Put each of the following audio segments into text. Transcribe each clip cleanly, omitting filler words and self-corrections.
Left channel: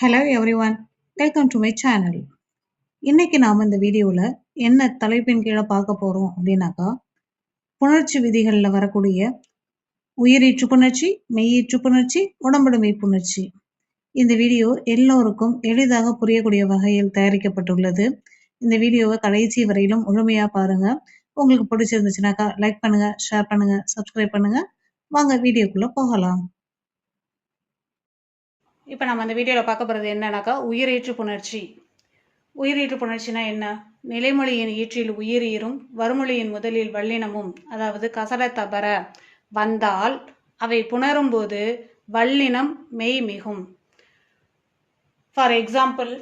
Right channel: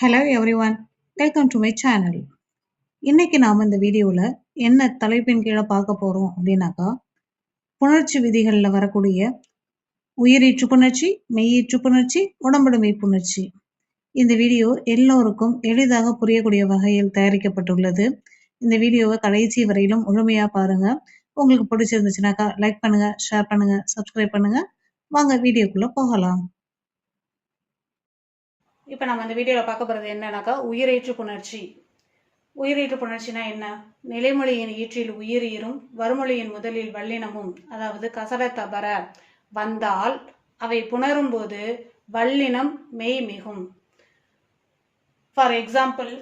Hello everyone, welcome to my channel. இன்னைக்கு நாம் இந்த வீடியோவில் என்ன தலைப்பின் கீழே பார்க்க போகிறோம் அப்படின்னாக்கா, புணர்ச்சி விதிகளில் வரக்கூடிய உயிரீற்று புணர்ச்சி, மெய்யீற்று புணர்ச்சி, உடம்படுமை புணர்ச்சி. இந்த வீடியோ எல்லோருக்கும் எளிதாக புரியக்கூடிய வகையில் தயாரிக்கப்பட்டுள்ளது. இந்த வீடியோவை கடைசி வரையிலும் முழுமையாக பாருங்க. உங்களுக்கு பிடிச்சிருந்துச்சுனாக்கா லைக் பண்ணுங்க, ஷேர் பண்ணுங்க, சப்ஸ்கிரைப் பண்ணுங்க. வாங்க வீடியோக்குள்ள போகலாம். இப்போ நம்ம இந்த வீடியோவில் பார்க்க போகிறது என்னன்னாக்கா, உயிரீற்று புணர்ச்சி. உயிரீற்று புணர்ச்சினா என்ன? நிலைமொழியின் ஈற்றில் உயிரீரும் வறுமொழியின் முதலில் வல்லினமும், அதாவது கசட தபர வந்தால் அவை புணரும் போது வல்லினம் மெய் மிகும். ஃபார் எக்ஸாம்பிள்,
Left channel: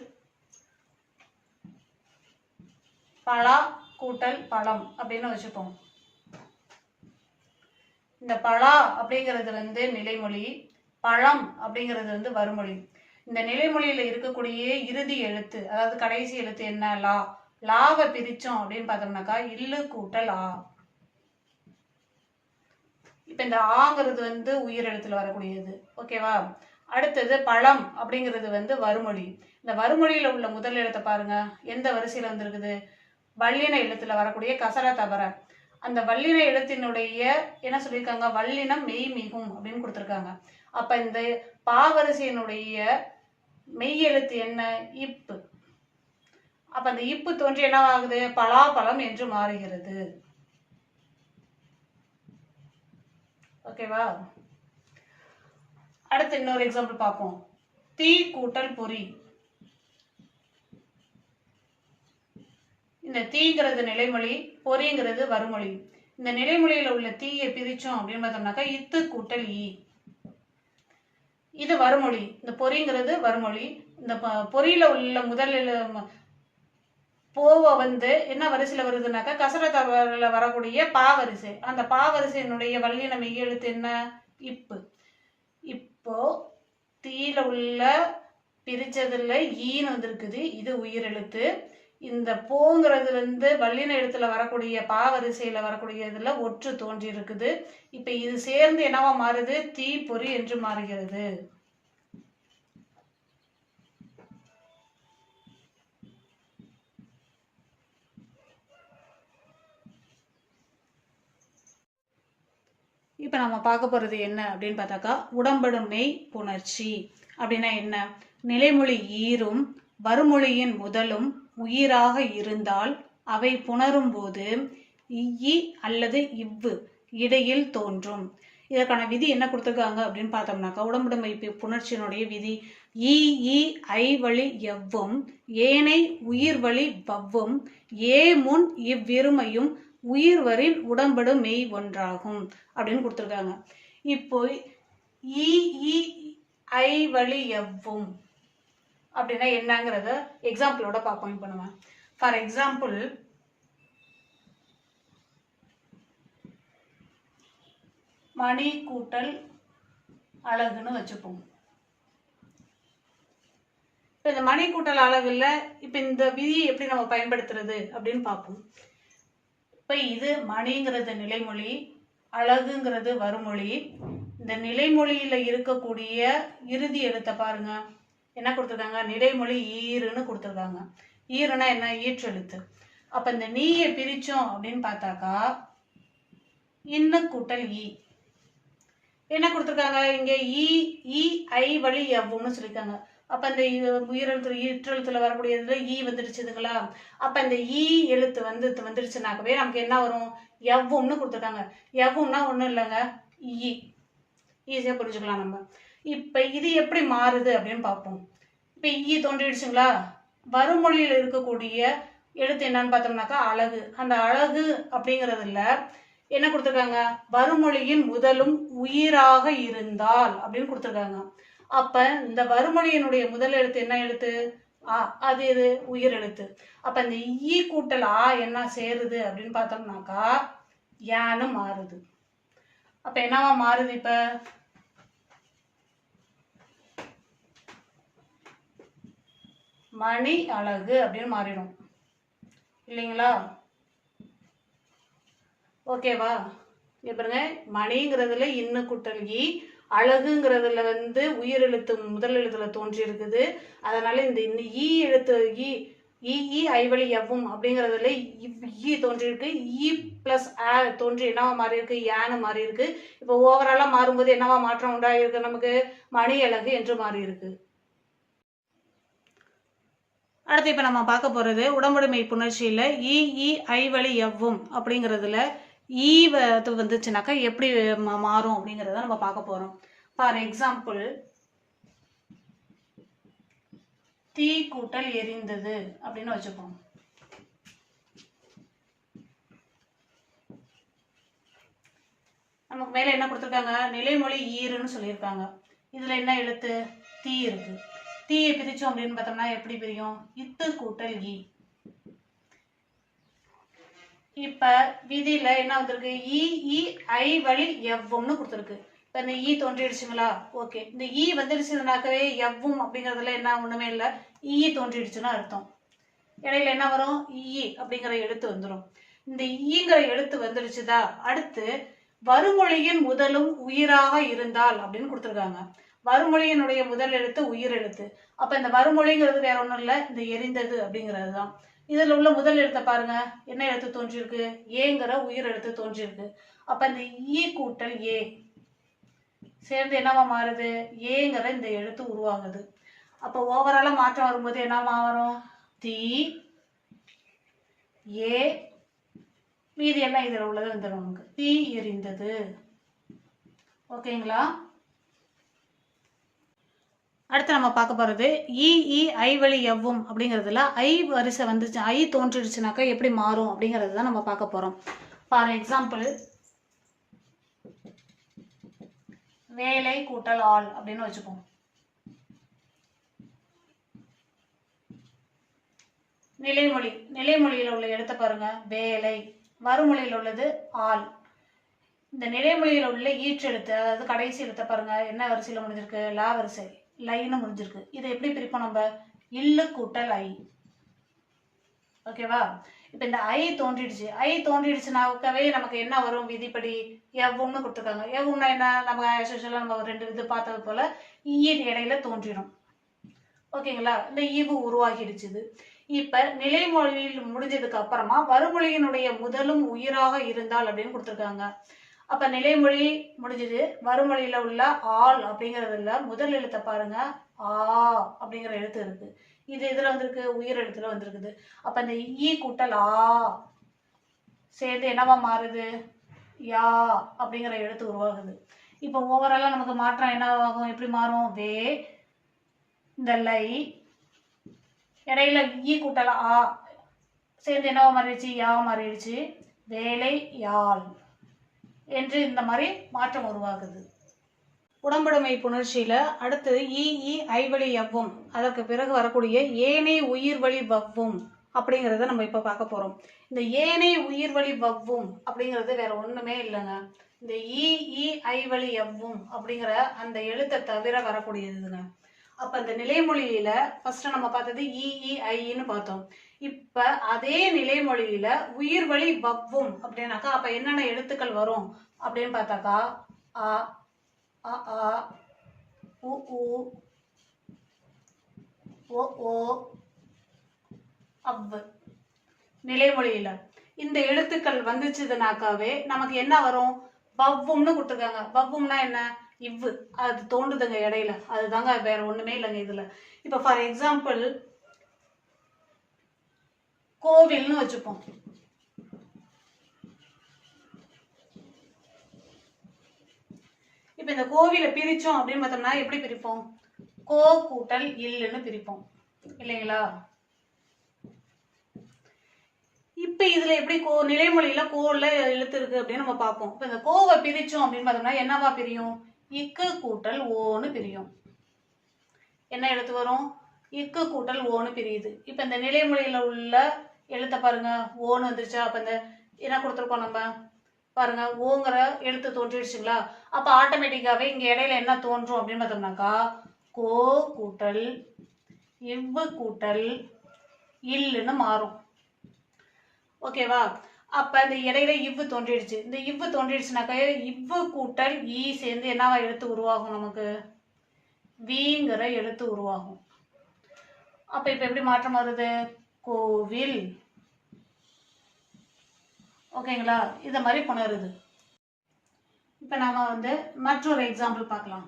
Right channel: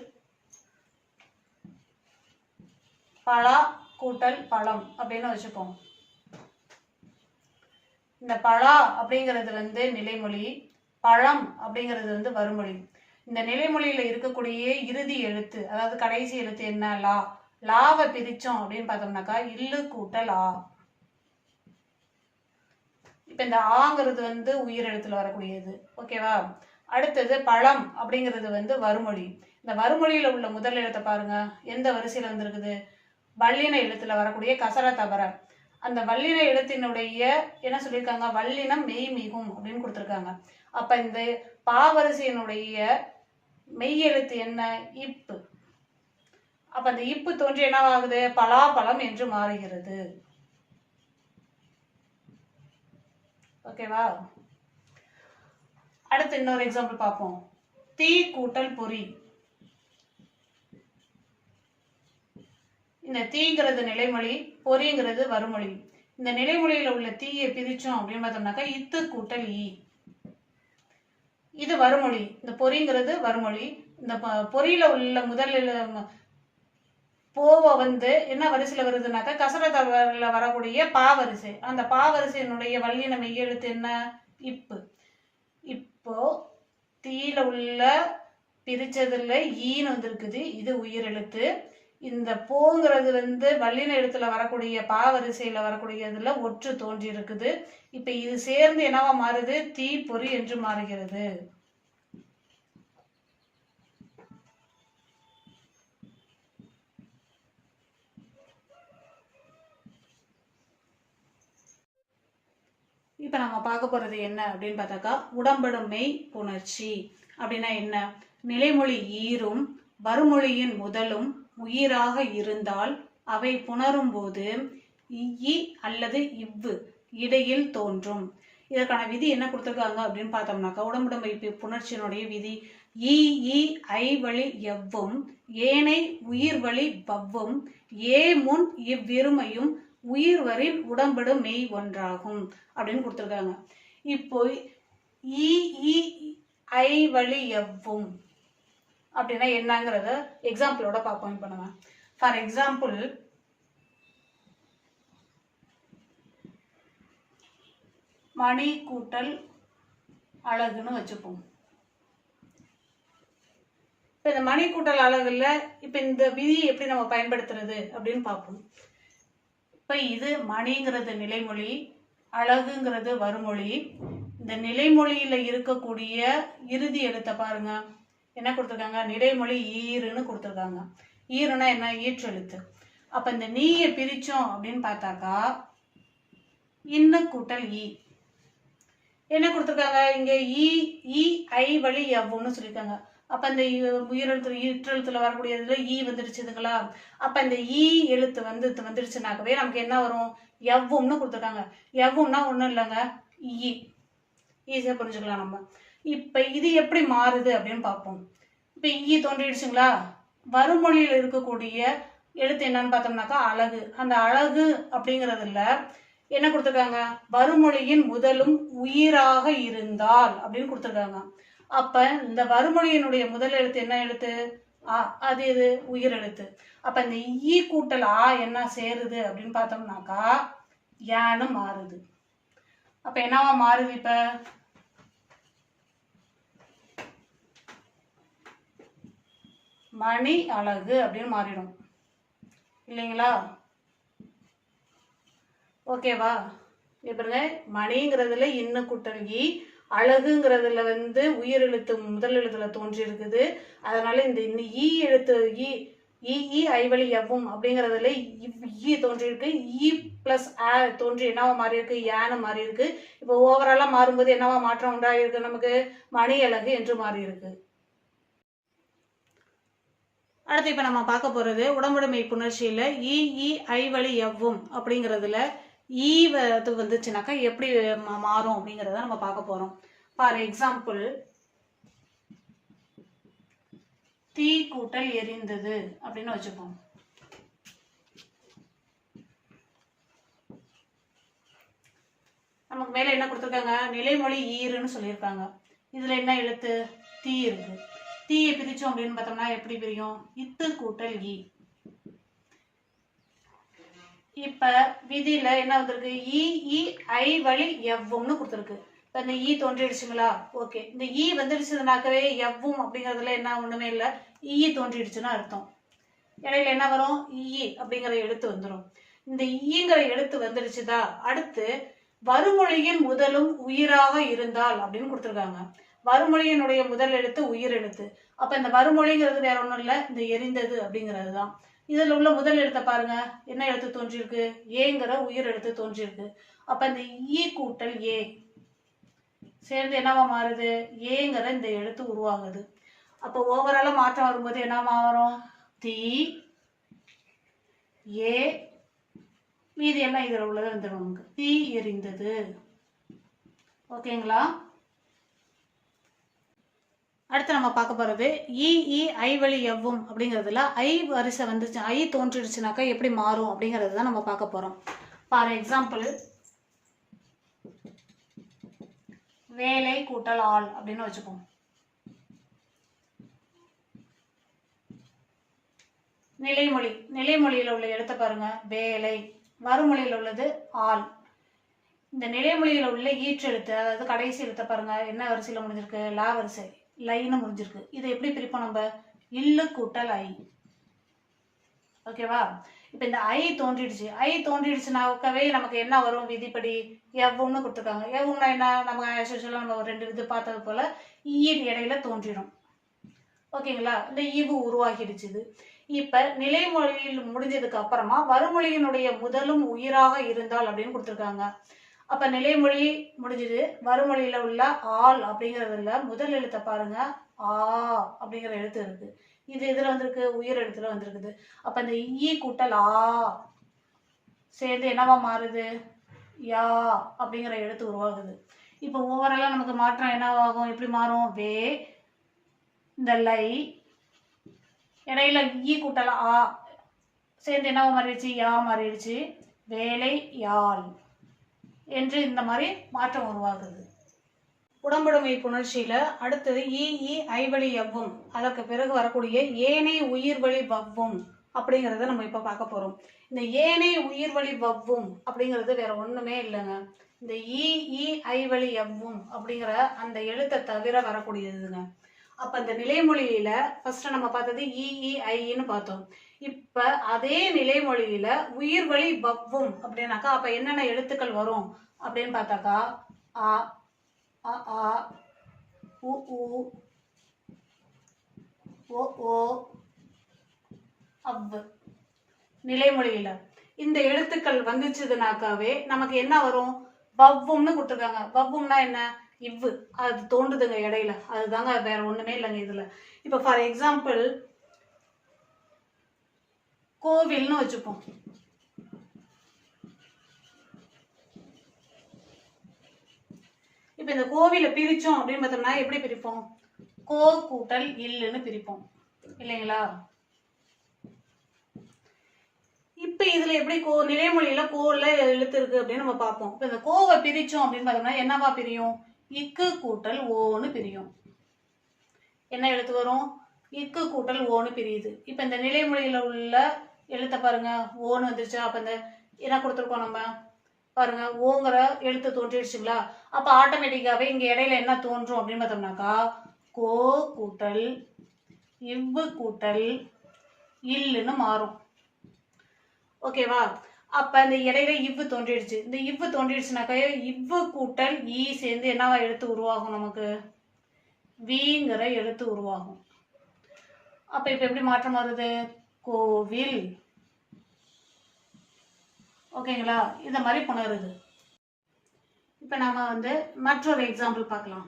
பலா கூட்டல் பழம் அப்படின்னு வச்சுப்போம். இந்த பலா அப்படிங்கிறது நிலைமொழி, பழம் அப்படிங்கிறது வறுமொழி. இந்த நிலைமொழியில இருக்கக்கூடிய இறுதி எழுத்து, அதாவது கடைசி எழுத்து என்ன? லா. லாவை பிரிச்சோம் அப்படின்னு பார்த்தோம்னாக்கா இல்லு கூட்டல் ஆ. இப்ப இந்த ஆங்கிறது உயிர் எழுத்துல வரக்கூடியது. ஓகேவா? அடுத்தது பழம் அப்படிங்கிறது வறுமொழி. இந்த வறுமொழியில உள்ள முதல் எழுத்தை பாருங்க, எந்த வரிசையில வந்திருக்குது? வல்லின எழுத்துல வரக்கூடிய கசர தபர. அந்த வல்லின எழுத்தினுடைய என்ன சொல்லியிருக்காங்க? வல்லினம் மெய் மிகும் அப்படின்னு கொடுத்துருக்காங்க. அப்ப இந்த பாவரிசையினுடைய மெய் எழுத்து என்ன? இப்பு. அப்ப அந்த இப்பு தோன்றி என்னவாகுது? பலாப்பழம் என்று மாறுகிறது. ஓகேவா? அடுத்து இன்னொரு எக்ஸாம்பிள் பார்ப்போம். தீ கூட்டல் பொறி. இந்த தீங்கிறது நிலைமொழி, பொறிங்கிறது வறுமொழி. இந்த நிலைமொழியில உள்ள தீயை பிரிச்சோம் அப்படின்னு பார்த்தோம்னாக்கா இத்து கூட்டல் ஈ. இது வறுமொழி. இந்த பொறிங்கிறது வறுமொழி. இந்த பொறியில உள்ள முதல் போவ என்ன வரிசையில வருதுனாக்கா கசர தவறுல வரக்கூடிய பாவரிசை. அந்த பாவரிசையினுடைய வல்லின மெய் எழுத்து என்ன? இப்பு. இப்போ தீயில உள்ள பிரிச்சதுல ஈன்னு வந்திருக்குது, இது உயிர் எழுத்து. இந்த போங்கிறது வல்லின எழுத்துல வரக்கூடிய பாவரிசையில வரக்கூடியதுல ஒற்று தோன்றி இருக்குது. இப்ப இது சேர்ந்து என்னவா மாறுது? தீ பொறி என்று மாறுகிறது. இப்ப நம்ம பார்க்க போறது என்ன அப்படின்னு பார்த்தாக்கா, உடம்படும் மெய் புணர்ச்சி அப்படின்னா என்ன? நிலைமொழி ஈரும் வறுமொழியின் முதலும் உயிராக இருந்தால் அவை புணரும் போது இ அல்லது இவ்வு இடையில் தோன்றும். இதற்கான விதி என்ன கொடுத்துருக்காங்க அப்படின்னு பார்த்தோம்னாக்கா, உடம்புடைமை புணர்ச்சியினுடைய விதி இ ஐ வழி எவ்வும் ஏனை உயிர் வழி வவ்வும் ஏ முன் இவ்விருமையும் உயிர் வரில் உடம்படும் மெய் ஒன்றாகும் அப்படின்னு கொடுத்துருக்காங்க. இப்போ இ ஐ வழி எவ்வும் அப்படின்னா என்னங்கிறத எக்ஸாம்பிளோட பார்ப்போம். பண்ணுவேன். ஃபார் எக்ஸாம்பிள், மணி கூட்டல் அழகுன்னு வச்சுப்போம். இந்த மணி கூட்டல் அழகுல இப்ப இந்த விதி எப்படி நம்ம பயன்படுத்துறது அப்படின்னு பார்ப்போம். இப்ப இது மணிங்கிறது நிலைமொழி, அழகுங்கிறது வறுமொழி. இந்த நிலைமொழியில இருக்கக்கூடிய இறுதி எழுத்த பாருங்க, என்ன கொடுத்துருக்காங்க? நிலைமொழி ஈருன்னு கொடுத்துருக்காங்க. ஈருன்னா என்ன? ஈற்றெழுத்து. அப்ப இந்த நீயை பிரிச்சோம் அப்படின்னு பார்த்தாக்கா இன்ன கூட்டல் ஈ. என்ன கொடுத்துருக்காங்க? இங்க இ ஐ வழி எவ்வும்னு சொல்லியிருக்காங்க. அப்ப இந்த உயிரெழுத்து ஈற்றெழுத்துல வரக்கூடியதுல ஈ வந்துடுச்சுதுங்களா? அப்ப இந்த ஈ எழுத்து வந்துடுச்சுனாக்கவே நமக்கு என்ன வரும்? எவ்வும்னு கொடுத்துருக்காங்க. எவ்வும்னா ஒண்ணும் இல்லைங்க, ஈ. ஈஸியா புரிஞ்சுக்கலாம் நம்ம. இப்ப இது எப்படி மாறுது அப்படின்னு பார்ப்போம். இப்ப ஈ தோன்றிடுச்சுங்களா? வறுமொழியில் இருக்கக்கூடிய எழுத்து என்னன்னு பார்த்தோம்னாக்கா அழகு. அந்த அழகு அப்படிங்கறதுல என்ன கொடுத்துருக்காங்க? வறுமொழியின் முதலும் உயிராக இருந்தால் அப்படின்னு கொடுத்துருக்காங்க. அப்ப இந்த வறுமொழியினுடைய முதல் எழுத்து என்ன எழுத்து? ஆ. அது எது? உயிர் எழுத்து. அப்ப இந்த ஈ கூட்டல் ஆ என்ன சேருது அப்படின்னு பார்த்தோம்னாக்கா யான்னு மாறுது. அப்ப என்னவா மாறுது? இப்ப மணி அழகு அப்படின்னு மாறிடும் இல்லைங்களா? ஓகேவா? பாருங்க, மணிங்கிறதுல இன்னு கூட்டல் ஈ, அழகுங்கிறதுல உயிர் எழுத்து முதல் எழுத்துல தோன்றி இருக்குது. அதனால இந்த ஈ எழுத்து ஈ ஐவழி எவ்வும் அப்படிங்கிறதுல ஈ தோன்றி இருக்கு. ஈ பிளஸ் தோன்றி என்னவா மாறி இருக்கு, ஏன்னு மாறி இருக்கு. இப்போ ஓவராலா மாறும்போது என்னவா மாற்றம் உண்டாயிருக்கு, நமக்கு மணி அழகு என்று மாறி இருக்கு. அடுத்து இப்ப நம்ம பார்க்க போறது உடம்புடைமை புணர்ச்சியில ஈ ஐவழி எவ்வும் அப்படிங்கிறதுல ஈ வந்துச்சுனாக்கா எப்படி மாறும் அப்படிங்கிறத நம்ம பார்க்க போறோம். ஃபார் எக்ஸாம்பிள், தீ கூட்டல் எரிந்தது அப்படின்னு வச்சுப்போம். நமக்கு மேல என்ன கொடுத்துருக்காங்க, நிலைமொழி ஈருன்னு சொல்லியிருக்காங்க. இதுல என்ன எழுத்து, தீ இருக்கு. தீயை பிரிச்சோம் அப்படின்னு பார்த்தோம்னா எப்படி பிரியும், இத்து கூட்டல் ஈ. இப்ப விதியில என்ன வந்திருக்கு, ஈ ஐவழி எவ்வும்னு கொடுத்துருக்கு. இப்ப இந்த ஈ தோன்றிடுச்சுங்களா, ஓகே. இந்த ஈ வந்துடுச்சுனாக்கவே எவ்வும் அப்படிங்கறதுல என்ன ஒண்ணுமே இல்லை, ஈ தோன்றிடுச்சுன்னா அர்த்தம். இடையில என்ன வரும், ஈ அப்படிங்கிற எழுத்து வந்துடும். இந்த ஈங்கிற எழுத்து வந்துடுச்சுதா, அடுத்து வருமொழியின் முதலும் உயிராக இருந்தால் அப்படின்னு கொடுத்துருக்காங்க. வருமொழியினுடைய முதல் எழுத்து உயிர் எழுத்து. அப்ப இந்த வருமொழிங்கிறது வேற ஒண்ணும் இல்லை, இந்த எரிந்தது அப்படிங்கிறது தான். இதுல உள்ள முதல் எழுத்தை பாருங்க, என்ன எழுத்து தோன்றிருக்கு, ஏங்கிற உயிர் எழுத்து தோன்றிருக்கு. அப்ப இந்த ஈ கூட்டல் ஏ சேர்ந்து என்னவா மாறுது, ஏங்கிற இந்த எழுத்து உருவாகுது. அப்ப ஓவரால மாற்றம் வரும்போது என்னவா வரும், தீ ஏ, மீதி என்ன இதுல உள்ளது வந்துடும் நமக்கு, தீ எரிந்தது. ஓகேங்களா. அடுத்து நம்ம பார்க்க போறது ஈ ஐவழி எவ்வும் அப்படிங்கிறதுல ஐ வரிசை வந்துச்சு, ஐ தோன்றிடுச்சுனாக்கா எப்படி மாறும் அப்படிங்கிறது தான் நம்ம பார்க்க போறோம். ஃபார் எக்ஸாம்பிள், வேலை கூட்டல் ஆள் அப்படின்னு வச்சுப்போம். நிலைமொழியில உள்ள எழுத்த பாருங்க, வேலை. வருமொழியில உள்ளது ஆள். இந்த நிலைமொழியில உள்ள ஈற்றெழுத்து, அதாவது கடைசி எழுத்த பாருங்க, என்ன வரிசையில முடிஞ்சிருக்கு, லா வரிசை, லைன்னு முடிஞ்சிருக்கு. இதை எப்படி பிரிப்போம் நம்ம, இல்லு கூட்டல் ஐ. ஓகேவா. இப்ப இந்த ஐ தோன்றிடுச்சுனாக்கவே நமக்கு என்ன வரும், விதிப்படி எவ்வும்னு கொடுத்துருக்காங்க. எவ்வும்னா என்ன, நம்ம ரெண்டு இது பார்த்தது போல ஈ இடையில தோன்றிடும். ஓகேங்களா. இந்த ஈவு உருவாகிடுச்சு. இப்ப நிலைமொழியில் முடிஞ்சதுக்கு அப்புறமா வருமொழியினுடைய முதலும் உயிராக இருந்தால் அப்படின்னு கொடுத்துருக்காங்க. அப்ப நிலைமொழி முடிஞ்சது, வருமொழியில உள்ள ஆள் அப்படிங்கறதுல முதல் எழுத்தை பாருங்க, ஆ அப்படிங்கிற எழுத்து இருக்கு. இது இதுல வந்திருக்கு, உயிர் எழுத்துல வந்திருக்குது. அப்ப இந்த ஈ கூட்டல் ஆ சேர்ந்து என்னவா மாறுது, யா அப்படிங்கிற எழுத்து உருவாகுது. இப்ப ஓவராலா நமக்கு மாற்றம் என்னவாகும், எப்படி மாறும், வே, இந்த லை இடையில ஈ கூட்டல் ஆ சேர்ந்து என்னவா மாறிடுச்சு, யா மாறிடுச்சு, வேலை யாழ் என்று இந்த மாதிரி மாற்றம் உருவாகுது. உடம்புடைமை புணர்ச்சியில அடுத்து ஈ ஐவழி எவ்வும், அதற்கு பிறகு வரக்கூடிய ஏனை உயிர்வழி வவ்வும் அப்படிங்கிறத நம்ம இப்ப பார்க்க போறோம். இந்த ஏனை உயிர்வழி வவ்வும் அப்படிங்கிறது வேற ஒண்ணுமே இல்லைங்க, இந்த ஈ ஐவழி எவ்வும் அப்படிங்கிற அந்த எழுத்தை தவிர வரக்கூடியதுங்க. அப்ப இந்த நிலைமொழியில ஃபர்ஸ்ட் நம்ம பார்த்தது ஈ ஐன்னு பார்த்தோம். இப்ப அதே நிலைமொழியில உயிர்வழி வவ்வும் அப்படின்னாக்கா அப்ப என்னென்ன எழுத்துக்கள் வரும் அப்படின்னு பார்த்தாக்கா, ஆ ஆ உ ஓ அவ்வு. நிலைமொழியில இந்த எழுத்துக்கள் வந்துச்சுதுனாக்காவே நமக்கு என்ன வரும், வவ்வும்னு கொடுத்துருக்காங்க. வவ்வும்னா என்ன, இவ்வு, அது தோன்றுதுங்க இடையில, அதுதாங்க, வேற ஒண்ணுமே இல்லைங்க இதுல. இப்ப ஃபார் எக்ஸாம்பிள், கோவில்னு வச்சுப்போம். இப்ப இந்த கோவிலை பிரிச்சோம் அப்படின்னு பார்த்தோம்னா எப்படி பிரிப்போம், கோ கூட்டல் இல்லுன்னு பிரிப்போம் இல்லைங்களா. இப்ப இதுல எப்படி நிலைமொழியில கோல எழுத்து இருக்கு அப்படின்னு நம்ம பார்ப்போம். இப்ப இந்த கோவை பிரிச்சோம் அப்படின்னு பார்த்தோம்னா என்னவா பிரியும், இக்கு கூட்டல் ஓன்னு பிரியும். என்ன எழுத்து வரும், இக்கு கூட்டல் ஓன்னு பிரியுது. இப்ப இந்த நிலைமொழியில உள்ள எழுத்த பாருங்க, ஓன்னு வந்துருச்சா. அப்ப இந்த என்ன கொடுத்துருக்கோம் நம்ம பாருங்க, ஓங்கிற எழுத்து தோன்றிடுச்சுங்களா. அப்ப ஆட்டோமேட்டிக்காவே இங்க இடையில என்ன தோன்றும் அப்படின்னு பார்த்தோம்னாக்கா, கோ கூட்டல் இவ்வு கூட்டல் இல்லுன்னு மாறும். ஓகேவா. அப்ப இந்த இடையில இவ்வு தோன்றிடுச்சு. இந்த இவ்வு தோன்றிடுச்சுனாக்க இவ்வு கூட்டல் ஈ சேர்ந்து என்னவா எழுத்து உருவாகும்? நமக்கு வீங்கிற எழுத்து உருவாகும். அப்ப இப்ப எப்படி மாற்றம் வருது? கோவில். ஓகேங்களா? இந்த மாதிரி புணருது. இப்ப நாம மற்றொரு எக்ஸாம்பிள் பார்க்கலாம்.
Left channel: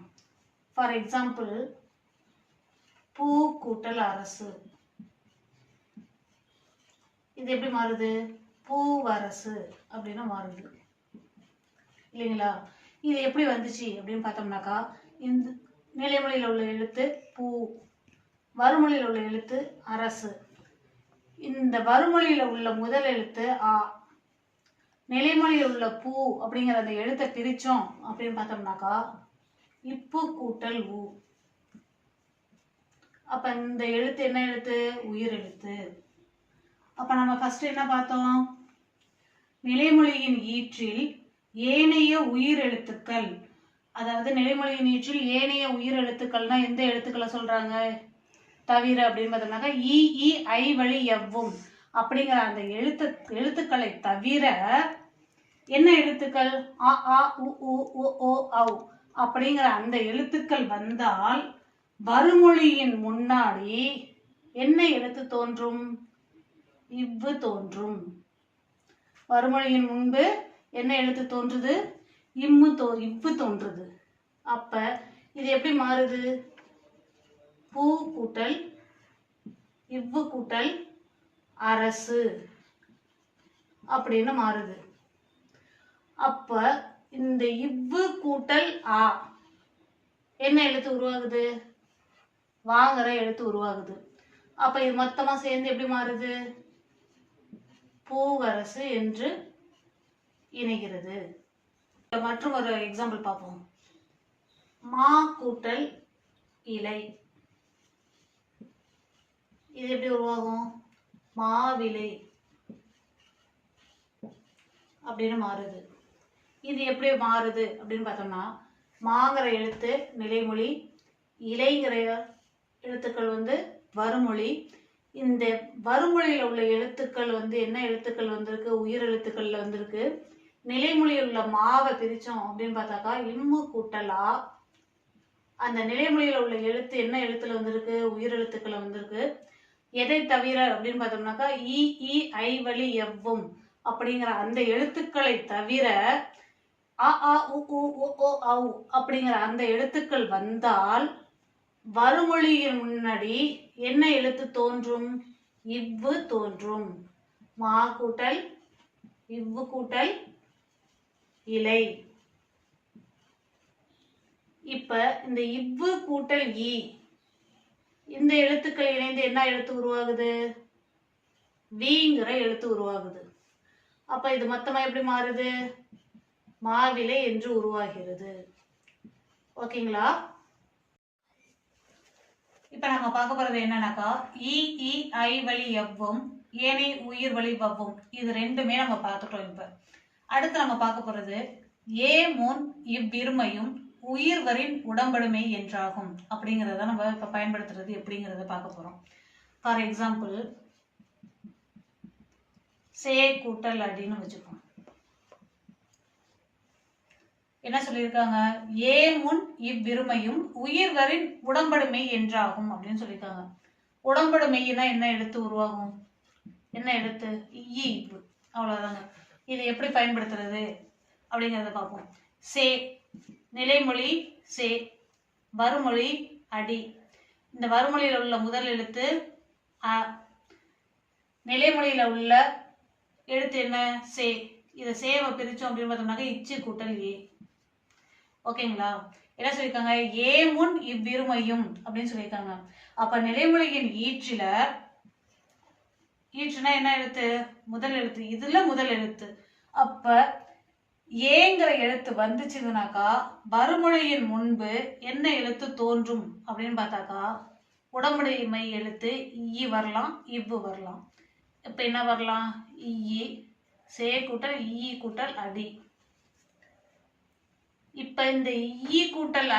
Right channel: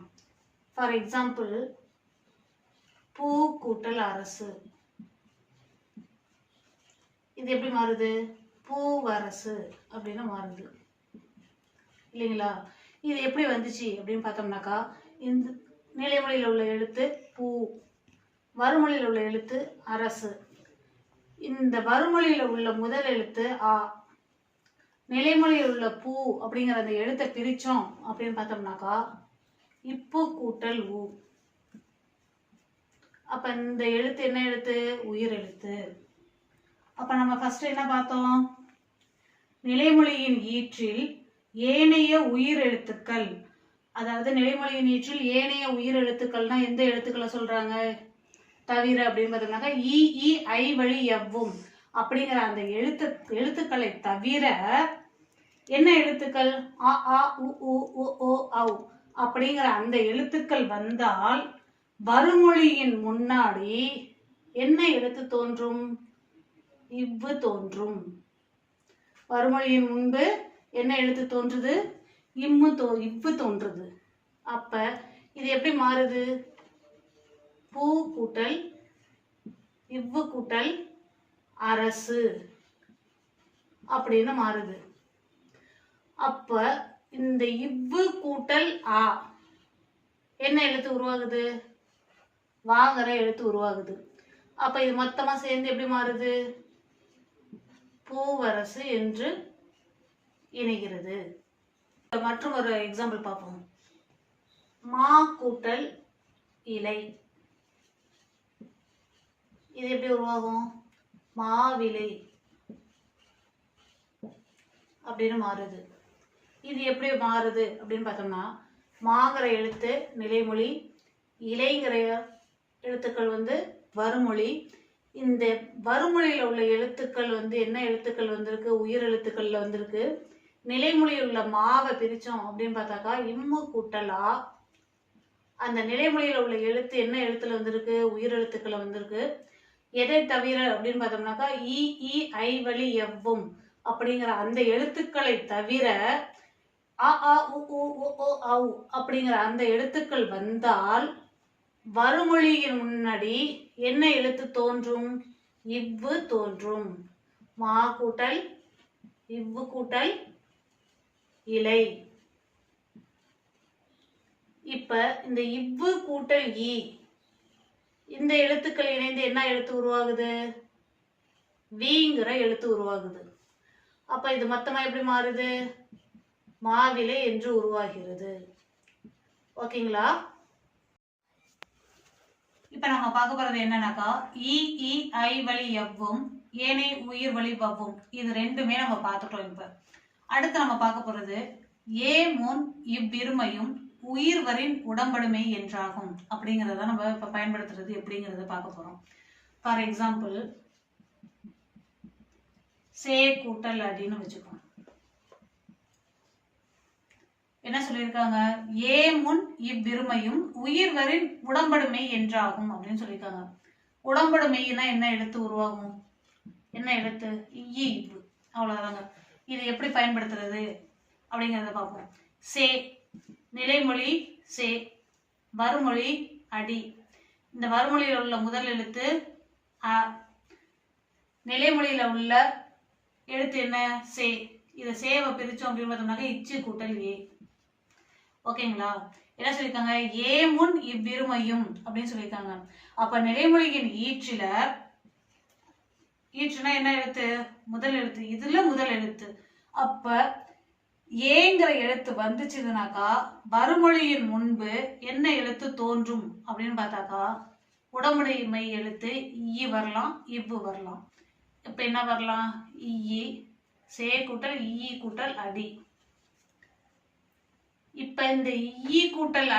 ஃபார் எக்ஸாம்பிள், பூ கூட்டல் அரசு. இது எப்படி மாறுது? பூவரசு அப்படின்னு மாறுது இல்லைங்களா? இது எப்படி வந்துச்சு அப்படின்னு பார்த்தோம்னாக்கா, இந்த நிலைமொழியில் உள்ள எழுத்து பூ, வறுமொழியில் உள்ள எழுத்து அரசு. இந்த வறுமொழியில் உள்ள முதல் எழுத்து ஆ, நிலைமொழியில் உள்ள பூ அப்படிங்கிற அந்த எழுத்தை பிரிச்சோம் அப்படின்னு பார்த்தோம்னாக்கா இப்பு கூட்டல் ஊ. அப்ப இந்த எழுத்து என்ன எழுத்து? உயிர் எழுத்து. அப்ப நம்ம ஃபர்ஸ்ட் என்ன பார்த்தோம்? நிலைமொழியின் ஈற்றில் ஏனைய உயிர் எழுத்துக்கள், அதாவது நிலைமொழியின் ஈற்றில் ஏனைய உயிர் எழுத்துக்கள்னா எந்த எழுத்துக்களை சொல்றாங்க? தவிர அப்படின்னு பார்த்தோம்னாக்கா இ இ ஐ வழி எவ்வும் அப்படிங்கிற அந்த எழுத்துக்களை தவிர என்ன எழுத்துக்கள்? அ ஆ உ உ உ ஓ ஔ அப்படிங்கிற அந்த எழுத்துக்கள் வந்தால் வறுமொழியின் முன்னாடி என்ன எழுத்து தோன்றும்? இவ்வு தோன்றும். வறுமொழியின் முன்பு என்ன எழுத்து தோன்றுது? இவ்வு தோன்றுது. அப்ப இது எப்படி மாறுது? பூ கூட்டல் இவ்வு கூட்டல் அரசு அப்படின்னு மாறுது. அப்ப இந்த இவ்வு கூட்டல் ஆ என்ன எழுத்து உருவாகுது? வாங்கிற எழுத்து உருவாகுது. அப்ப இது மொத்தமா சேர்ந்து எப்படி மாறுது? பூவரசு என்று இணைகிறது. மற்றும் ஒரு எக்ஸாம்பிள் பார்ப்போம். மா கூட்டல் இலை. இது எப்படி உருவாகும்? மாவிலை அப்படின்னு மாறுது. இது எப்படி மாறுது அப்படின்னு பார்த்தோம்னா, மாங்கிற எழுத்து நிலைமொழி, இலைங்கிற எழுத்துக்கள் வறுமொழி. இந்த வறுமொழியில் உள்ள எழுத்துக்கள் என்ன எழுத்துக்கள் வந்திருக்கு? உயிர் எழுத்துக்கள்ல வந்திருக்கு. நிலைமொழியில் உள்ள மாவை பிரிச்சோம் அப்படின்னு பார்த்தாக்கா இம்மு கூட்டல் ஆ. அந்த நிலைமொழியில் உள்ள எழுத்து என்ன எழுத்துல வந்திருக்கு? உயிர் எழுத்துக்கள் வந்திருக்கு. எதை தவிர அப்படின்னு பார்த்தோம்னாக்கா இ இ ஐ வழி எவ்வும் அப்படிங்கிற அந்த எழுத்துக்களை தவிர அ ஆ உ உ ஓ ஔ அப்படிங்கிற அந்த எழுத்துக்கள் வந்தால் வறுமொழியின் முன்னாடி என்ன எழுத்து தோன்றும்? இவ்வு தோன்றும். மா கூட்டல் இவ்வு கூட்டல் இலை. இப்ப இந்த இவ்வு கூட்டல் ஈ இந்த எழுத்துக்கள் இணைந்து என்ன எழுத்து உருவாகுது? வீங்கிற எழுத்து உருவாகுது. அப்ப இது மொத்தமா எப்படி மாறுது? மாவிலை என்று உருவாகிறது. ஓகேங்களா? இப்ப நம்ம பார்க்க போறது என்னன்னாக்கா இ இ ஐ வழி எவ்வும் ஏனை உயிர் வழி வவ்வும். இது ரெண்டுமே நம்ம பார்த்துட்டோம். இப்ப அடுத்து நம்ம பார்க்க போறது ஏ முன் இவ்விருமையும் உயிர்வரின் உடம்படுமை என்றாகும் அப்படிங்கிறத நம்ம இப்ப பயன்படுத்துறது எப்படிங்கிறத பார்க்க போறோம். ஃபார் எக்ஸாம்பிள், சே கூட்டல் அடின்னு வச்சுக்கோம். என்ன சொல்லியிருக்காங்க? ஏ முன் இவ்விருமையும் உயிர்வரின் உடம்படுமை என்றாகும் அப்படின்னு சொல்லியிருக்காங்க. உடம்படுமைனா என்ன எழுத்து உருவாகும்? என்ன எழுத்து? இவ்வு. அவ்வளவுதாங்க. இது எப்படி பயன்படுத்துறது அப்படிங்கிறத பார்ப்போம். சே நிலைமொழி சே, வறுமொழி அடி. இந்த வறுமொழியில உள்ள முதல் எழுத்து அ, நிலைமொழியில உள்ள எழுத்து என்ன? சே. இதை சேவை பிரிச்சோம் அப்படின்னு பார்த்தோம்னாக்க இச்சு கூட்டல் ஏ. ஓகேங்களா? என்ன சொல்லியிருக்காங்க? ஏ முன் இவ்விருமையும் அப்படின்னு சொல்லியிருக்காங்க. அப்ப நிலைமொழியின் ஈற்றுனா என்ன எழுத்து? முதல் எழுத்து. இதுல முதல் எழுத்து. அப்ப ஏங்கிற எழுத்து வந்துச்சுனாக்கா வறுமொழியின் முன்பு என்ன எழுத்து தோன்றும் அப்படின்னு பார்த்தாக்கா உடம்புடைமை எழுத்து ஈ வரலாம், இவ்வு வரலாம். இப்ப என்ன வரலாம்? ஈ, சே கூட்டல் ஈ கூட்டல் அடி. இப்ப இந்த ஈ கூட்டல்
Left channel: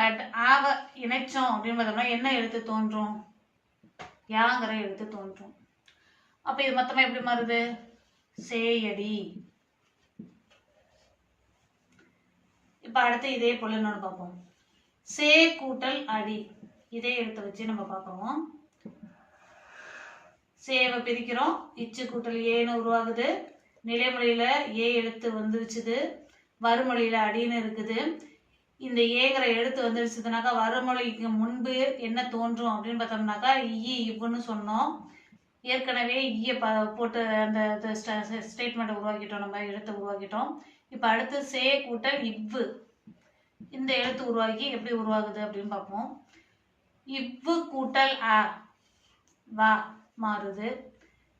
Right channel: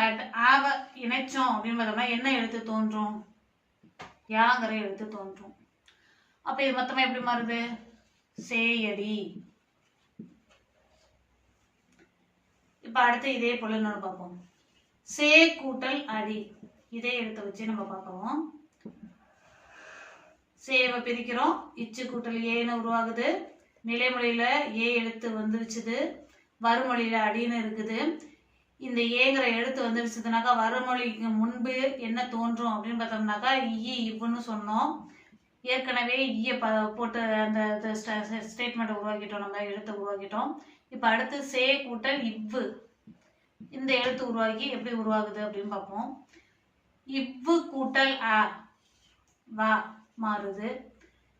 ஆவ இணைச்சோம் அப்படின்னு பார்த்தோம்னா என்ன எழுத்து தோன்றும்? யாங்கிற எழுத்து தோன்றும். அப்ப இது மொத்தமா எப்படி மாறுது? சேயடி. இப்ப அடுத்து இதே போல இன்னொன்று பார்ப்போம். சே கூட்டல் அடி, இதே எழுத்தை வச்சு நம்ம பார்ப்போம். சேவை பிரிக்கிறோம், இச்சு கூட்டல் ஏன்னு உருவாகுது. நிலைமொழியில ஏ எழுத்து வந்துருச்சுது, வறுமொழியில அடின்னு இருக்குது. இந்த ஏங்கிற எழுத்து வந்துருச்சுனாக்கா வறுமொழிக்கு முன்பு என்ன தோன்றும் அப்படின்னு பார்த்தோம்னாக்கா இவ்வுன்னு சொன்னோம். ஏற்கனவே போட்டு அந்த ஸ்டேட்மெண்ட் உருவாக்கிட்டோம், நம்ம எழுத்தை உருவாக்கிட்டோம். இப்போ அடுத்து சே கூட்டல் இவ்வு, இந்த எழுத்து உருவாக்கி எப்படி உருவாகுது அப்படின்னு பார்ப்போம். இவ்வு கூட்டல் அ, வா மாறுது.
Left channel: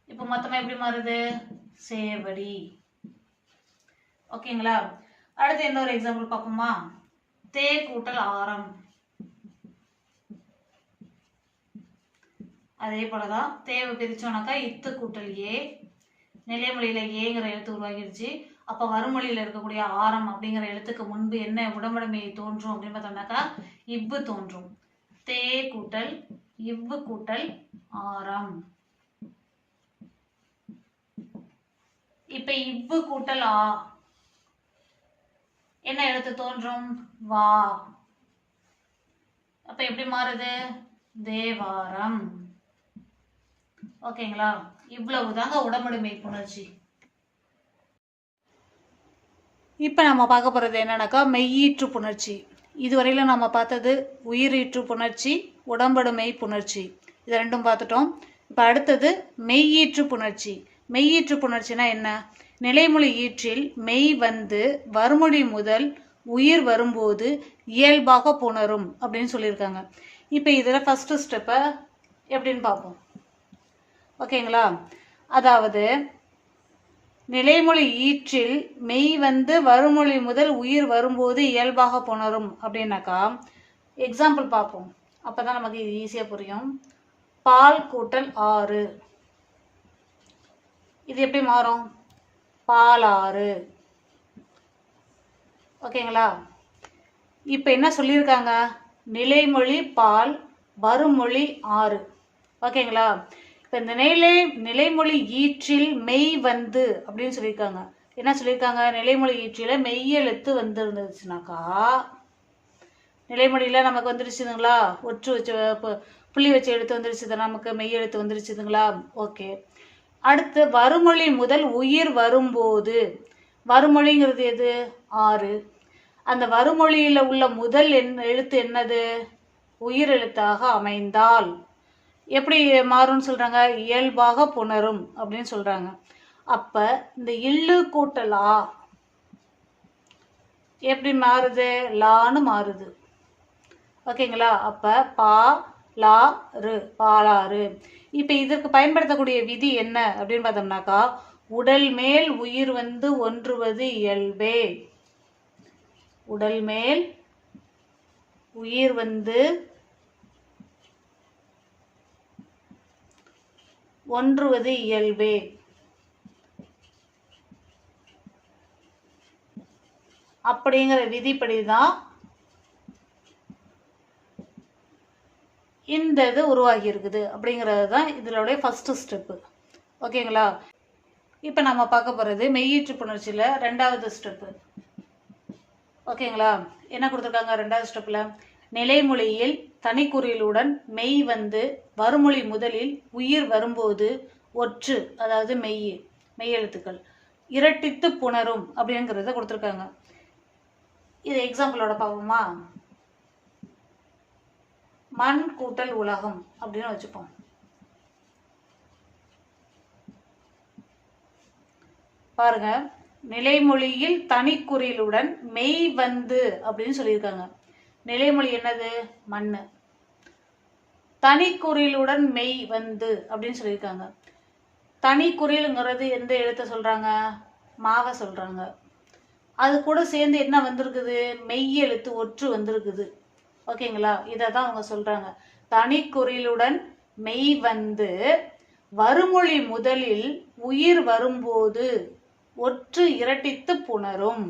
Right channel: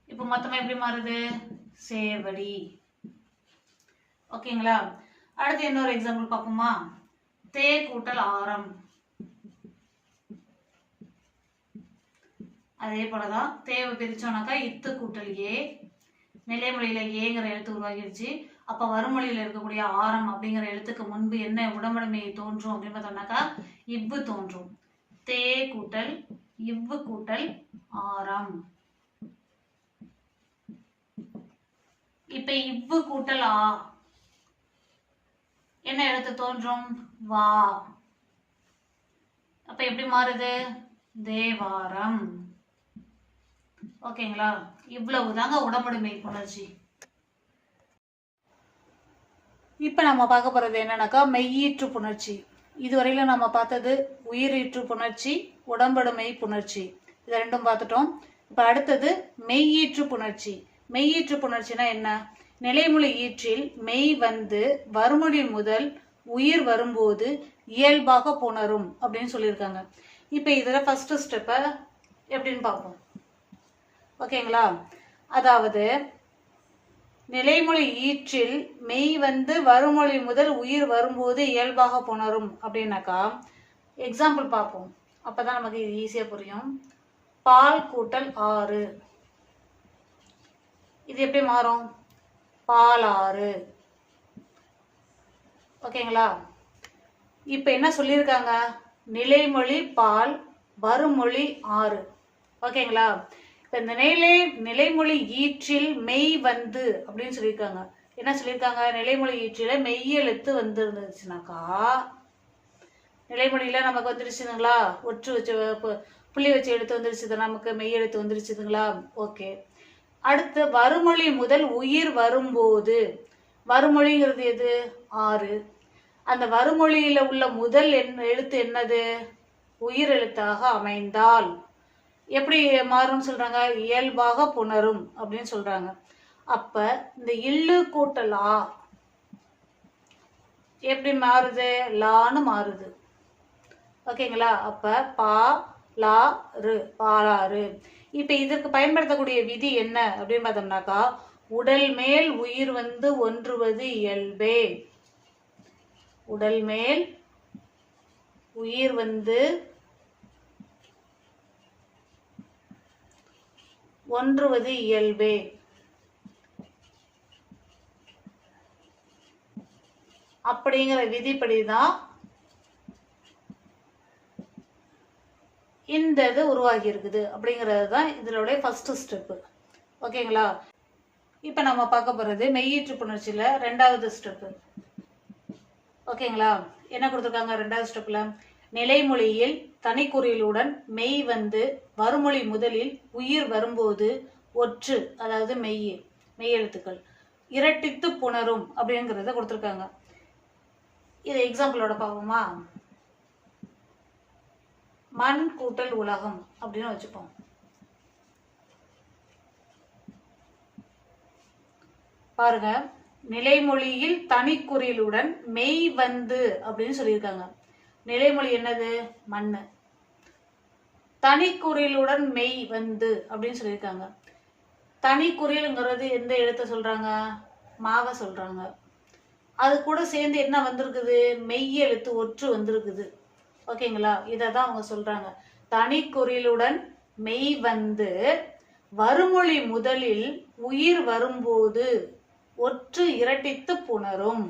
இப்போ மொத்தமா எப்படி மாறுது? சேவடி. ஓகேங்களா? அடுத்து இன்னொரு எக்ஸாம்பிள் பார்ப்போமா? தே கூட்டல் ஆரம், அதே போலதான் தேவை பிரிச்சோம்னாக்கா இத்து கூட்டல் ஏ, நிலைமொழியில ஏங்கிற எழுத்து உருவாகிடுச்சு. அப்ப வறுமொழியில இருக்கக்கூடிய ஆரம் அப்படிங்கிற எழுத்துக்கு முன்பு என்ன உடம்படுமை தோன்றும் அப்படின்னு பார்த்தோம்னாக்கா இவ்வு தோன்றும். தே கூட்டல் இவ்வு கூட்டல் ஆரம். இப்ப இவ்வு கூட்டல் ஆ என்ன எழுத்து தோன்றும்? வா. அப்ப எப்படி மாறுது? தேவாரம். ஓகேங்களா? இவ்வளவுதாங்க உடம்படுமை புணர்ச்சி. இப்ப நம்ம பார்க்க போறது என்னன்னாக்கா மெய்யீற்று புணர்ச்சி. இதுவரையில நம்ம பார்த்தது உயிரீற்று புணர்ச்சி, உடம்படுமை புணர்ச்சி, இது ரெண்டும் பார்த்துட்டோம். இப்ப அடுத்தது மெய்யீற்று புணர்ச்சி. மெய்யீற்று புணர்ச்சினா என்ன? நிலைமொழி ஈற்றில் மெய் வந்து வறுமொழி முதல் உயிர் வரும்போது இயல்பாக புணரும் அப்படின்னு சொல்லியிருக்காங்க. இப்ப இதுல ஃபர்ஸ்ட் ஸ்டெப்ப எப்படின்னு பார்ப்போம். ஓகேங்களா? அதாவது நிலைமொழி ஈற்றில் மெய் வந்து வறுமொழி முதல் உயிர் வரும்போது இயல்பாக புணரும் அப்படின்னாக்கா எக்ஸாம்பிள் பார்ப்போம், அப்பதான் நமக்கு இது ஈஸியா புரியும். பால் கூட்டல் ஆறு, இது எப்படி மாறும்? பாலாறு. ஓகேங்களா? இப்ப என்ன சொல்லியிருக்காங்க? நிலைமொழி பால், வறுமொழி ஆறு. ஓகேங்களா? இப்ப இந்த நிலைமொழி ஈற்றில் மெய் வந்து அப்படின்னு சொல்லியிருக்காங்க. என்ன சொல்லியிருக்காங்க? நிலைமொழி ஈற்றில மெய்யெழுத்து வந்து இருந்துச்சுனாக்கா, நிலைமொழியில நமக்கு வந்துருச்சுங்களா, ஒற்று வச்சு புள்ளி வச்சு எழுத்து வந்துருச்சு, நமக்கு மெய்யெழுத்து வந்துருச்சுங்களா? ஓகே. அடுத்து வறுமொழி முதல் உயிர் வரும்போது, வறுமொழிங்கிறது எது? ஆறு. அந்த வறுமொழியில உள்ள முதல் எழுத்து என்னது? உயிர் எழுத்தாக அமைந்தால் எப்படி மாறும்னு சொல்றாங்க? இயல்பாக புணரும் அப்படின்னு சொல்றாங்க. அப்ப இந்த இல்லு கூட்டலா எப்படி மாறுது? லான்னு மாறுது. ஓகேங்களா? அப்ப பா லா ரு, பாலாறு. இப்ப இதற்கு பயன்படுத்தக்கூடிய விதி என்ன அப்படின்னு பார்த்தோம்னாக்கா உடல் மேல் உயிர் வந்து ஒன்றுவது இயல்பே. உடல் மேல் உயிர் வந்து ஒன்றுவது இயல்பே. அப்படிங்கிற விதிப்படிதான் இந்த இது உருவாகி இருக்குது அப்படிங்கிறது தான் இதனுடைய ஃபர்ஸ்ட் ஸ்டெப். ஓகேங்களா? இப்ப நம்ம பார்க்க போறது மெய்யீற்று புணர்ச்சியில ரெண்டாவது ஸ்டெப். ஓகேங்களா? என்ன கொடுத்துருக்காங்க ரெண்டாவது ஸ்டெப்ல? நிலைமொழியில் தனிக்குறிலுடன் மெய் வந்து வறுமொழி முதலில் உயிர் வரும்போது ஒற்று, அதாவது மெய்யெழுத்துக்கள் இரட்டித்து புணரும் அப்படிங்கிறத கொடுத்துருக்காங்க. இது எக்ஸாம்பிளோட பார்ப்போமா? மண் கூட்டல் உலகம் அப்படின்னு வச்சுப்போம். பாருங்க, நிலைமொழியில் தனிக்குறிலுடன் மெய் வந்து அப்படின்னு சொல்லியிருக்காங்க. நிலைமொழி என்னது? மண்ணு. தனிக்குறிலுடன் மெய் வந்து அப்படின்னு சொல்லியிருக்காங்க. தனிக்குறிலுங்கிறது எந்த எழுத்தை சொல்றாங்க? மாக சொல்றாங்க. அது கூட சேர்ந்து என்ன வந்திருக்குது? மெய் எழுத்து ஒற்று வந்திருக்குது. ஓகேங்களா? இததான் அவங்க சொல்றாங்க. தனிக்குறிலுடன் மெய் வந்து வறுமொழி முதலில் உயிர் வரும்போது ஒற்று இரட்டித்து புணரும்.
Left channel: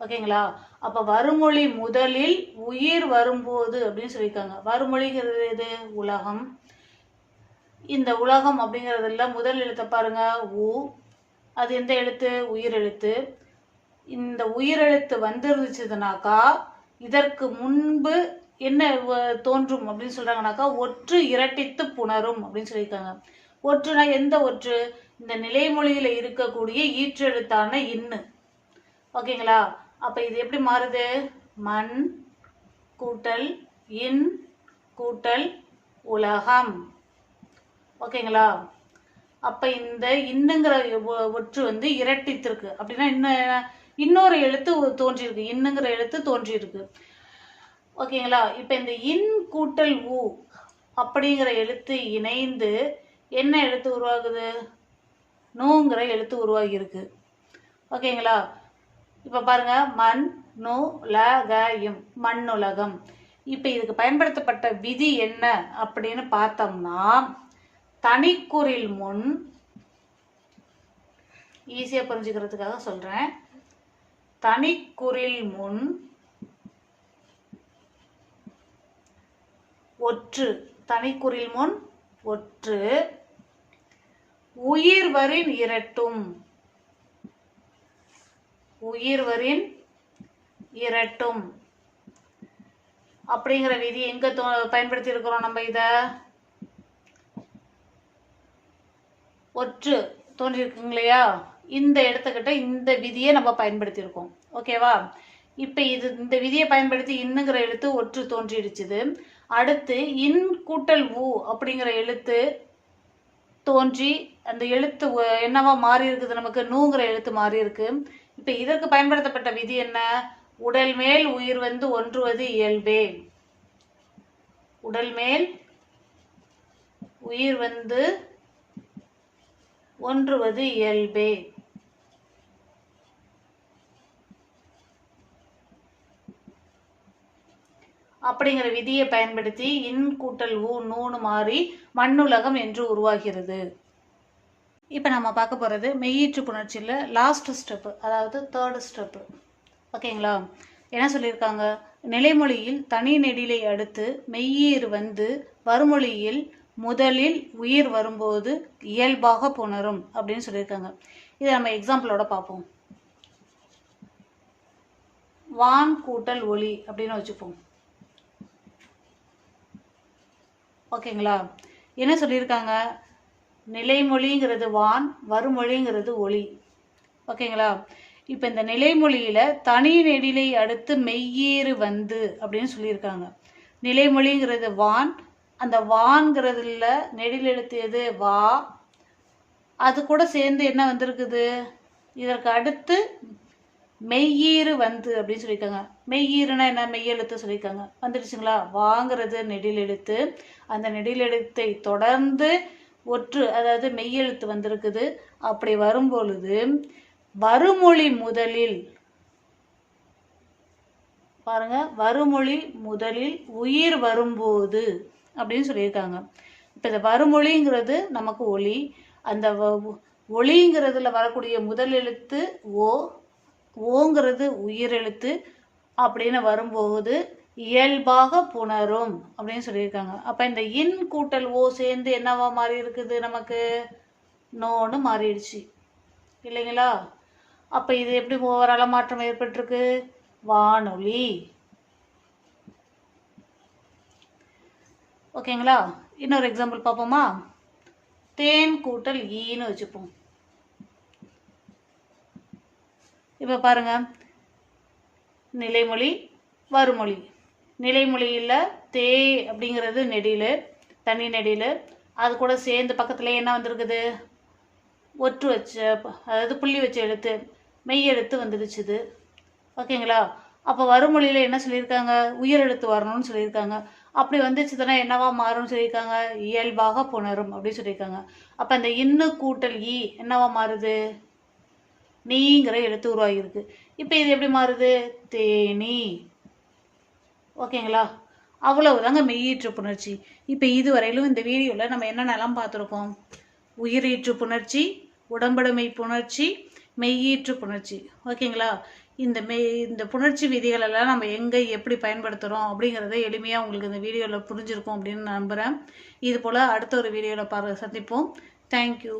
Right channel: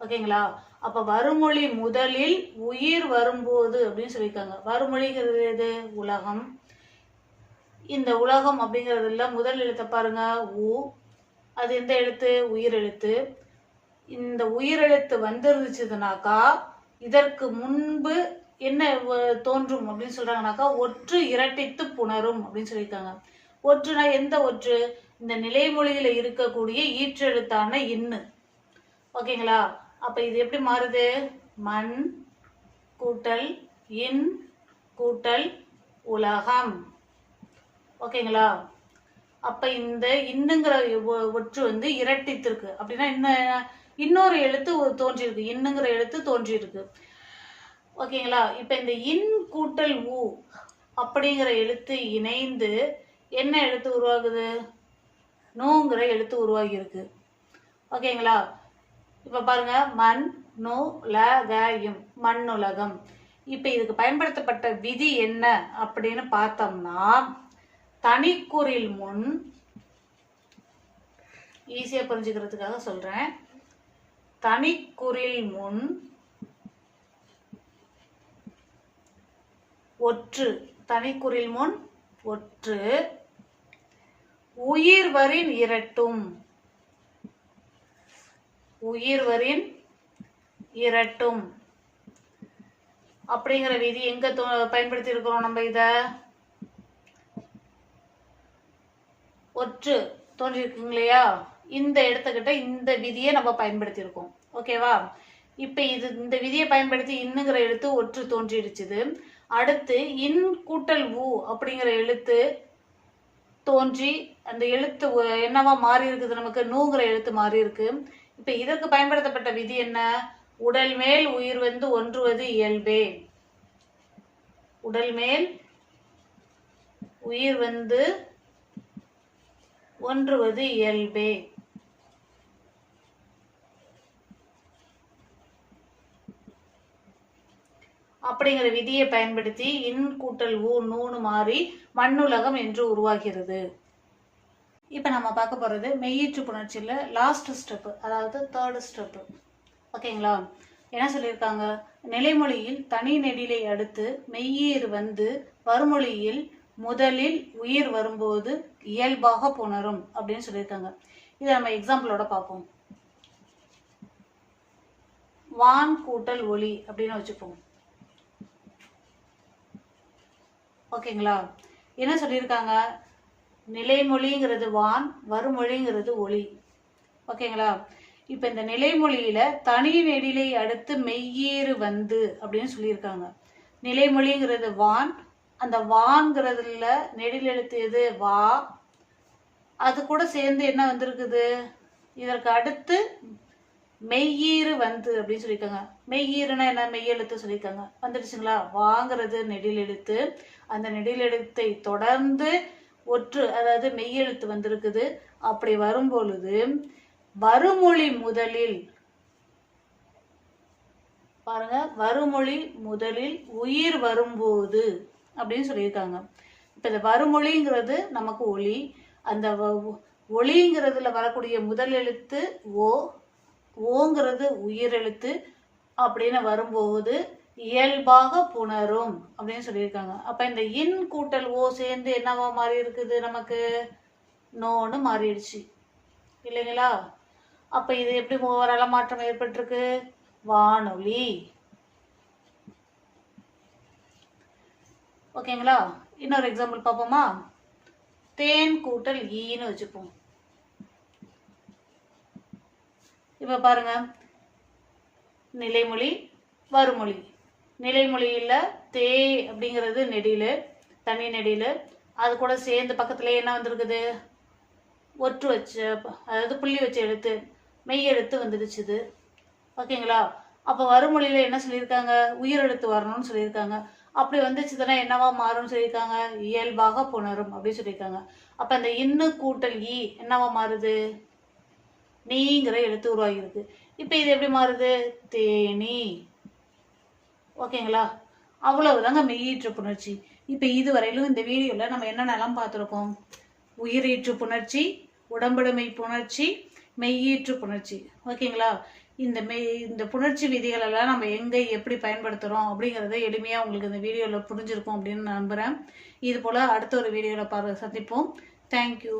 ஓகேங்களா? அப்ப வறுமொழி முதலில் உயிர் வரும்போது அப்படின்னு சொல்லியிருக்காங்க. வறுமொழிங்கிறது எது? உலகம். இந்த உலகம் அப்படிங்கிறதுல முதல் எழுத்தை பாருங்க, உ. அது எந்த எழுத்து? உயிர் எழுத்து. இந்த உயிரெழுத்து வந்துருந்துச்சுனாக்கா இதற்கு முன்பு என்ன தோன்றும் அப்படின்னு சொல்றாங்கனாக்கா ஒற்று இரட்டித்து புணரும் அப்படின்னு சொல்லியிருக்காங்க. ஒற்றுனா எந்த ஒற்று? இந்த நிலைமொழியில இருக்கக்கூடிய ஈற்றெழுத்தான இன்னு. ஓகேங்களா? அப்ப இது எப்படி மாறுது? மண் கூட்டல் இன் கூட்டல் உலகம். ஓகேங்களா? அப்ப இந்த இன்னுங்கிற ஒற்று வந்து இரட்டித்திருக்கு. அப்படின்னா இன்னொரு எழுத்து தோன்றியிருக்கு, இன்னுங்கிற எழுத்து தோன்றியிருக்கு. ஓகேங்களா? இப்ப இந்த இன் கூட்டல் ஊ அப்படிங்கிற எழுத்து இணைந்து என்ன எழுத்து உருவாகுது? நூங்கிற எழுத்து உருவாகி இருக்கு. ஓகேங்களா? இப்ப பாருங்க, மண் நூ ல க யும், மண்ணுலகம். இப்ப இதுக்கு பயன்படுத்தப்பட்ட விதி என்ன அப்படின்னு பார்த்தோம்னா, தனிக்குறில் முன், ஈஸியா புரிஞ்சுக்கிறதுக்காக சொல்றேன், தனிக்குறில் முன் ஒற்று, தனிக்குறில் முன் ஒற்று, உயிர்வரின் இரட்டும், உயிர்வரின் இரட்டும் அப்படிங்கிற விதி எங்க பயன்படுத்தி இருக்கிறோம் நம்ம? இத ஒற்று தோன்றிருக்குங்க இல்லையா, இந்த இடத்துக்கிட்ட இந்த விதியை நம்ம பயன்படுத்தி இருக்கோம். ஓகேவா? இப்ப இந்த விதியை பயன்படுத்தி இன்னுங்கிற எழுத்து ஒற்று தோன்றிடுச்சுது. அடுத்து இன் கூட்டல் ஊ அப்படிங்கிற எழுத்து தோன்றி அந்த எழுத்து என்னவா மாறி இருக்குது? நமக்கு நூங்கிற எழுத்து மாறி இருக்கு. இப்ப இதற்கு பயன்படுத்தப்பட்ட விதி என்ன? உடல் மேல் உயிர் வந்து ஒன்றுவது இயல்பே. உடல் மேல் உயிர் வந்து ஒன்றுவது இயல்பே. அப்படிங்கிற விதியை பயன்படுத்தி இன் கூட்டல் ஊ நூன்னு மாறி மண்ணுலகம் என்று உருவாகிறது. இப்ப நம்ம பார்க்க போறது மெய்யீற்று புணர்ச்சியில லாஸ்ட் ஸ்டெப், அதாவது தேர்ட் ஸ்டெப். ஓகேங்களா? என்ன சொல்லியிருக்காங்க? நிலைமொழியில் தனி நெடிலை அடுத்து மெய்யீர் வந்து வருமொழியில் முதலில் உயிர் வரும்போது இயல்பாக புணரும் அப்படின்னு சொல்லியிருக்காங்க. இதை நம்ம எக்ஸாம்பிளோட பார்ப்போம். வான் கூட்டல் ஒளி அப்படின்னு வச்சுப்போம். ஓகேங்களா? என்ன சொல்லியிருக்காங்க? நிலைமொழிங்கிறது வான், வருமொழிங்கிறது ஒளி. ஓகேங்களா? இப்ப இந்த நிலைமொழியில தனி நெடிலை அடுத்து மெய்யீறு வந்து அப்படின்னு சொல்லியிருக்காங்க. நிலைமொழிங்கிறது வான், அந்த வான்கிறதுல நெடில் எழுத்து எது? வா. அது கூட சேர்ந்து என்ன வந்திருக்குது? இதற்கு அடுத்து மெய்யீறு வந்து அப்படின்னு சொல்லியிருக்காங்க. மெய்யீறுனா என்ன? மெய்யெழுத்து சொல்லியிருக்காங்க. வந்துடுச்சுங்களா? வாங்கிறது நெடில் எழுத்து, அந்த நெடில் எழுத்தை தொடர்ந்து ஒற்று, அதாவது மெய்யெழுத்து வந்திருக்குது. அப்படி வரும் பொழுது வருமொழி முதலில், பாருங்க, வருமொழி முதலில் உயிர் வரும்போது அப்படின்னு சொல்லியிருக்காங்க. இப்ப இந்த வருமொழிங்கிறது நமக்கு ஒளி, அந்த ஒளிங்கிறதுல வரக்கூடிய முதல் எழுத்து ஓ, ஓங்கிறது உயிர் எழுத்து. அப்படின்னு வரும்போது இயல்பாக புணரும் அப்படின்னு சொல்லியிருக்காங்க. அப்ப இந்த இன் கூட்டல் ஓ சேர்ந்து என்னவா மாறி இருக்குது? நமக்கு நோன்னு மாறிடுச்சு இல்லைங்களா? அப்ப இது எப்படி ஓவரால மாற்றம் ஏற்பட்டிருக்கு? வானொலி. ஓகேங்களா? இன்னொரு எக்ஸாம்பிள் பார்ப்போமா? தேன் கூட்டல் ஈன்னு வச்சுப்போம். இப்ப பாருங்க, நிலைமொழி வருமொழி. நிலைமொழியில தே அப்படிங்கிறது நெடிலு, தனி நெடிலு. அது கூட சேர்ந்து பக்கத்துல என்ன வந்திருக்குது? ஒற்று வச்ச, அதாவது புள்ளி வச்ச எழுத்து, மெய் எழுத்து வந்துடுச்சுது. ஓகேங்களா? அப்ப வருமொழியில என்ன சொல்லியிருக்காங்க? உயிர் எழுத்து வரணும்னு சொல்லியிருக்காங்க. அப்படி வந்துச்சுதுன்னா என்னவா மாறும்னு சொல்லியிருக்காங்க? இயல்பாக புணரும் அப்படின்னு சொல்லியிருக்காங்க. அப்ப அந்த இன்னு கூட்டல் ஈ என்னவா மாறுது? நீங்கிற எழுத்து உருவாகிருக்கு. இப்ப இது எப்படி மாறுது? தேனி. ஓகேங்களா? அவ்வளவுதாங்க மெய்யீற்று புணர்ச்சி. இப்ப இதுவரையிலும் இந்த வீடியோல நம்ம என்னென்னலாம் பார்த்திருக்கோம்? உயிரீற்று புணர்ச்சி, உடம்படுமை புணர்ச்சி, மெய்யீற்று புணர்ச்சி. ஓகேங்களா? இந்த புணர்ச்சி விதிகள் எல்லாம் நம்ம எங்க எப்படி பயன்படுத்துறோம் அப்படிங்கறத எளிமையா உங்களுக்கு இந்த வீடியோல புரிஞ்சிருக்கும் அப்படின்னு நம்புறேன். இது போல அடுத்த ஒரு வீடியோல சந்திப்போம். தேங்க்யூ.